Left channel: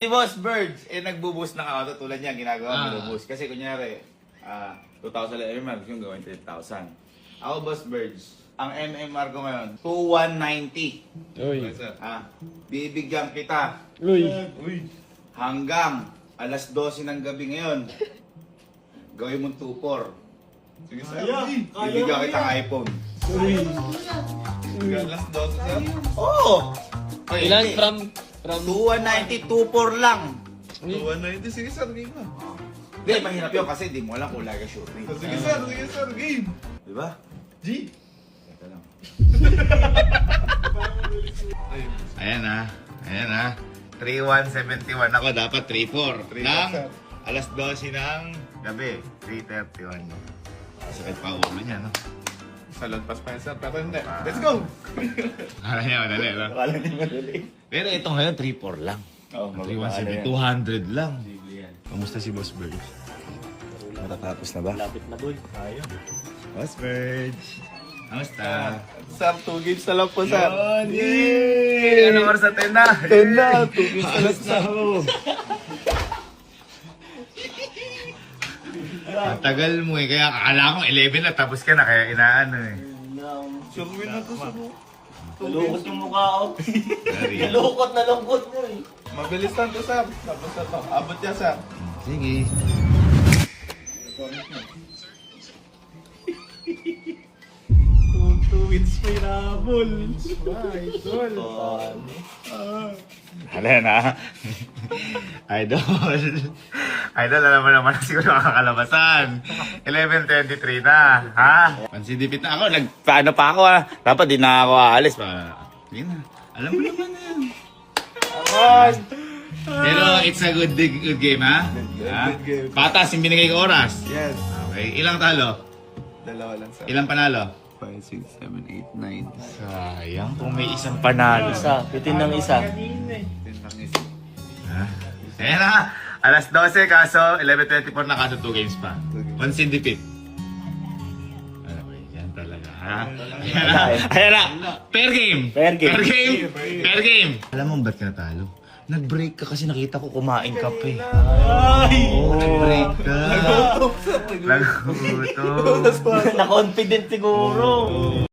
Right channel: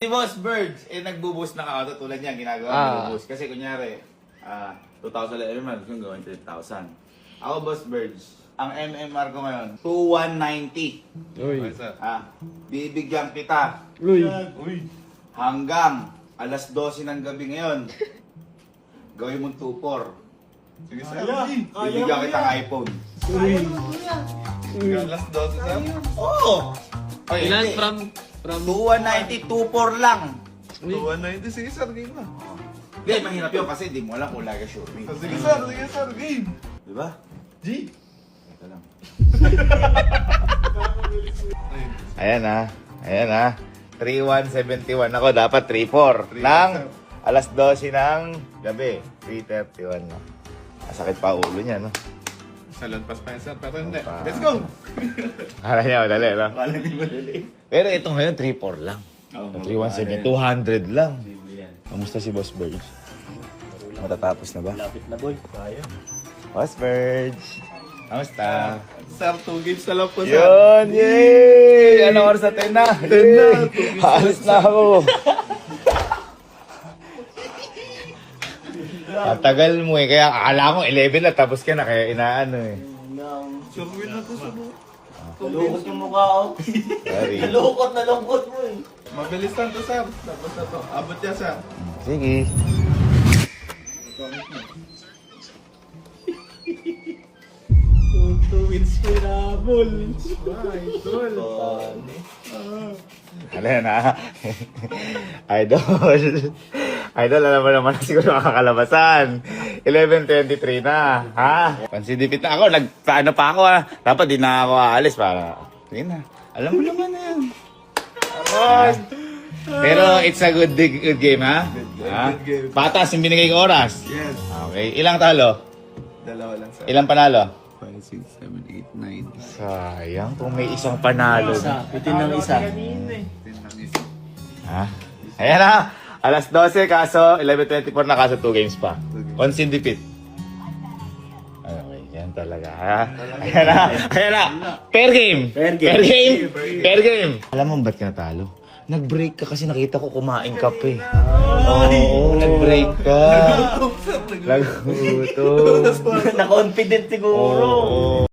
Si Boss Birds, nagbuboost ng auto tulad niya, ginagawa boost. Kasi kunyari, 2,000 MMR, yung gawin 10,000. Ako, Boss Birds, ang MMR ko ngayon, 2,190. Uy. Bibigyan kita Uy. hanggang alas 12 ng gabi ngayon. Gawin mong 2,4. Sige, sir. Bibigyan kita ng iPhone. Uy. Alas 12, sir. Oo! Ilan from 2,190, 2,4 lang. 290. Sige, sir. Game na. Hindi, mahirap yun kasi di mo alam kung lagi shooting. Sige, sir. Sige, sir. Game. Di ba? G. Ito lang. Ayun. Ayan ha. Ayan ha. 3,171 ako. Dapat 3,4. Nang alas 12 ng gabi. 3,31 na. Masakit pa ulo niya, no? Sa lampas pa yan, sir. Pero hindi. Let's go! Akala niya madali, no? Akala niyo madali. Pero ito ngayon, 3,4 lang. 3,170. 200 lang. Kamusta si Boss Bird? Matatapos na ba? Lapit na boy. Kaya. Boss Bird. Kamusta? Sir, 2 games na lang po, sir. Yun! Yay! Anong oras na? 10 na? 10 na. 2 games. Halos na ako. Matagal mo eh. Kaya akala ko 11 na tapos ka na. Kaya inaano eh. Sir, win na to, sir. Nalukot yung mukha ko. Sorry. Nalukot mo eh. Mabilis lang to, sir. Tapos na to. Abot niya, sir. Sige. Two wins pa yung nabol. Idol. Ano yan ha? Idol. Idol, alam mo naman siguro makakalabasan. 11:23 na. Ha? Pansidipit na ako. Nagpaano pa ako ha. Dapat di na ako aalis pa. Hindi na. Alam mo naman na yan. Pero it's a good game ha? Good game. Patas yung binigay ko oras. Yes. Okay. Ilang talo? Dalawa lang, sir. Ilang panalo? 5, 6, 7, 8, 9. Sayang kung may isang panalo. Isa. Bitin ng isa. 10 lang isa. Ha? Ayan na. Alas 12 kaso 11:24 na kaso 2 games pa. On Sindipit. Yan talaga. Ha? Ayan na. Ayan na. Fair game. Fair game. Fair game. Fair game. Alam mo ba't ka natalo? Nag-break ka kasi nakita ko kumain ka pa eh. Oo, nag-break ka. Nagutom. Na-confident siguro. Oo.